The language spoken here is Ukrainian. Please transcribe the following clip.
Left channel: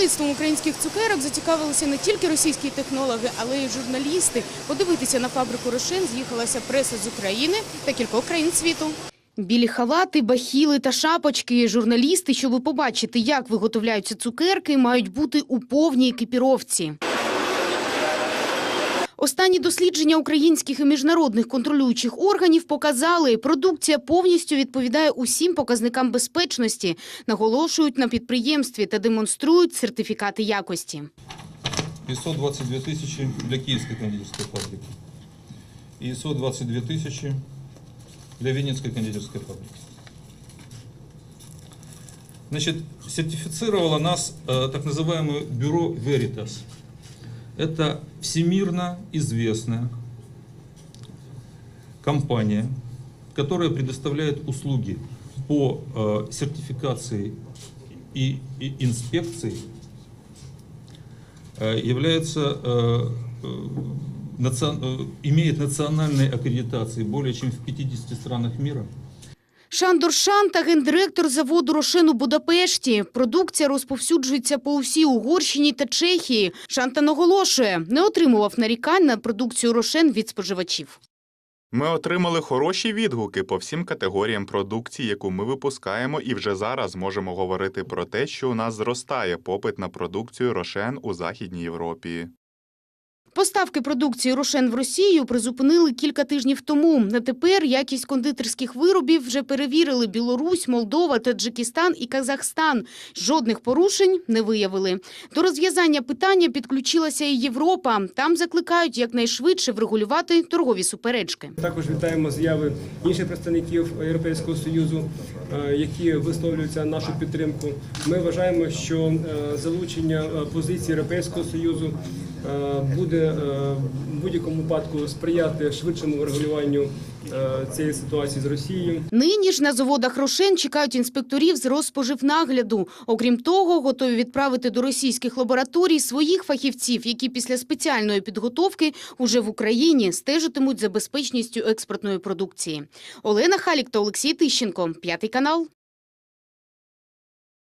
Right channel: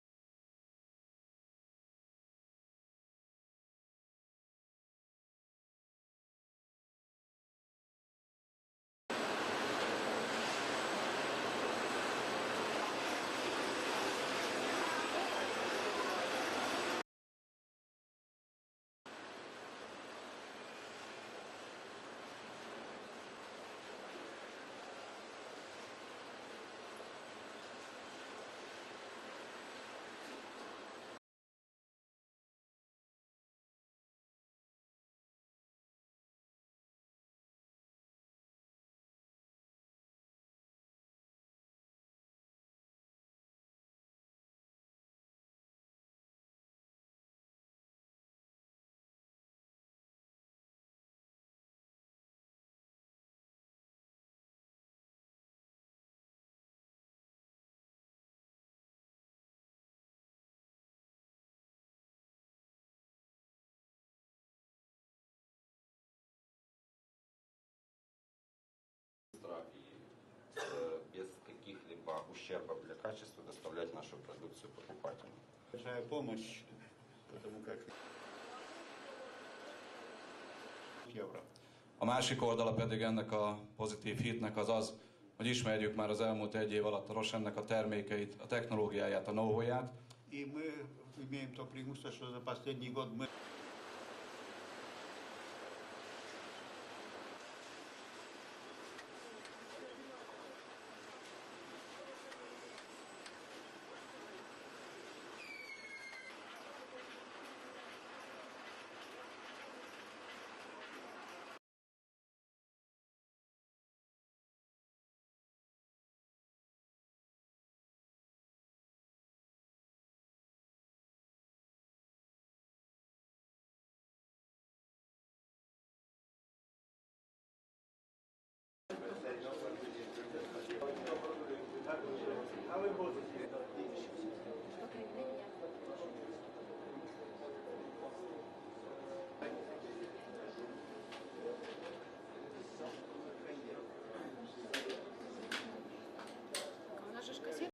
Виробництвом українських цукерок зацікавилися не тільки російські технологи, але й журналісти. Подивитися на фабрику Рошен з'їхалася преса з України та кількох країн світу. Білі халати, бахіли та шапочки. Журналісти, щоб побачити, як виготовляються цукерки, мають бути у повній екіпіровці. Останні дослідження українських і міжнародних контролюючих органів показали, продукція повністю відповідає усім показникам безпечності, наголошують на підприємстві та демонструють сертифікати якості. 522 тысячи для Киевской кондитерской фабрики и 122 тысячи для Винницкой кондитерской фабрики. Значит, сертифицировало нас э, так называемое бюро Veritas. Это всемирно известная компания, которая предоставляет услуги по э, сертификации и, инспекции э, является, э, имеет национальные аккредитации более чем в 50 странах мира. Шандор Шанта, гендиректор заводу Рошин у Будапешті. Продукція розповсюджується по усій Угорщині та Чехії. Шанта наголошує, не отримував нарікань на продукцію «Рошен» від споживачів. Ми отримали хороші відгуки по всім категоріям продукції, яку ми випускаємо, і вже зараз можемо говорити про те, що у нас зростає попит на продукцію Рошен у Західній Європі. Поставки продукції «Рошен» в Росію призупинили кілька тижнів тому. На тепер якість кондитерських виробів вже перевірили Білорусь, Молдова, Таджикистан і Казахстан. Жодних порушень не виявили. До розв'язання питання підключилася і Європа. Там закликають якнайшвидше врегулювати торгові суперечки. Також вітаємо заяви інших представників Європейського союзу, е, які висловлюються нашу підтримку. Ми вважаємо, що е, залучення е, позиції Європейського союзу буде в будь-якому випадку сприяти швидшому регулюванню е, цієї ситуації з Росією. Нині ж на заводах «Рошен» чекають інспекторів з розпоживнагляду. Окрім того, готові відправити до російських лабораторій своїх фахівців, які після спеціальної підготовки уже в Україні стежитимуть за безпечністю експортної продукції. Олена Халік та Олексій Тищенко. П'ятий канал.